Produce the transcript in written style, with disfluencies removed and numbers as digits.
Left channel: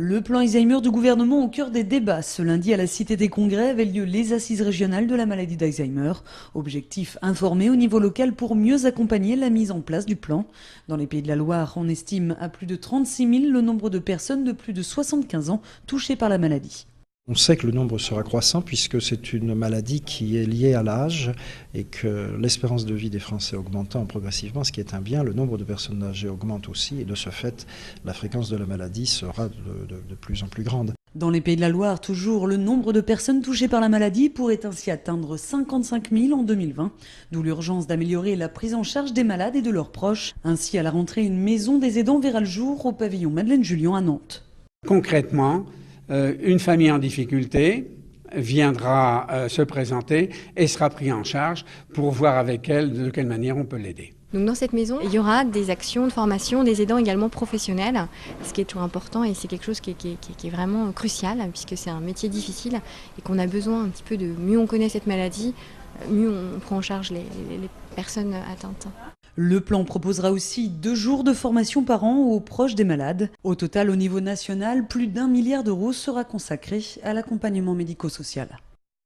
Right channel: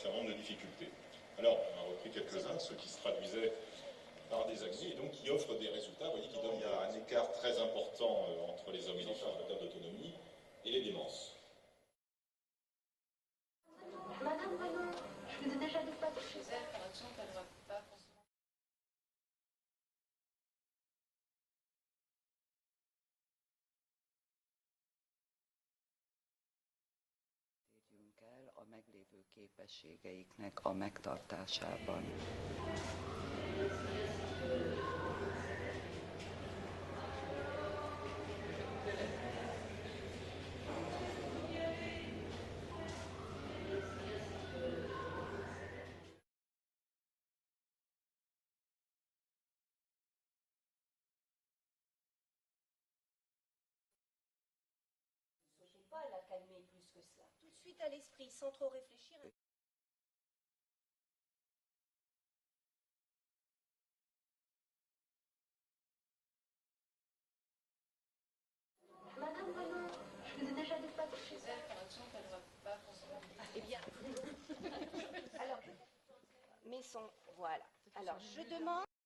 Le plan Alzheimer du gouvernement au cœur des débats. Ce lundi, à la Cité des Congrès, avaient lieu les assises régionales de la maladie d'Alzheimer. Objectif, informer au niveau local pour mieux accompagner la mise en place du plan. Dans les Pays de la Loire, on estime à plus de 36 000 le nombre de personnes de plus de 75 ans touchées par la maladie. On sait que le nombre sera croissant puisque c'est une maladie qui est liée à l'âge et que l'espérance de vie des Français augmentant progressivement, ce qui est un bien, le nombre de personnes âgées augmente aussi et de ce fait, la fréquence de la maladie sera de plus en plus grande. Dans les Pays de la Loire, toujours, le nombre de personnes touchées par la maladie pourrait ainsi atteindre 55 000 en 2020, d'où l'urgence d'améliorer la prise en charge des malades et de leurs proches. Ainsi, à la rentrée, une maison des aidants verra le jour au pavillon Madeleine-Julian à Nantes. Concrètement, une famille en difficulté viendra se présenter et sera prise en charge pour voir avec elle de quelle manière on peut l'aider. Donc dans cette maison, il y aura des actions de formation, des aidants également professionnels, ce qui est toujours important et c'est quelque chose qui est vraiment crucial puisque c'est un métier difficile et qu'on a besoin un petit peu de mieux on connaît cette maladie, mieux on prend en charge les personnes atteintes. Le plan proposera aussi 2 jours de formation par an aux proches des malades. Au total, au niveau national, plus d'1 milliard d'euros sera consacré à l'accompagnement médico-social.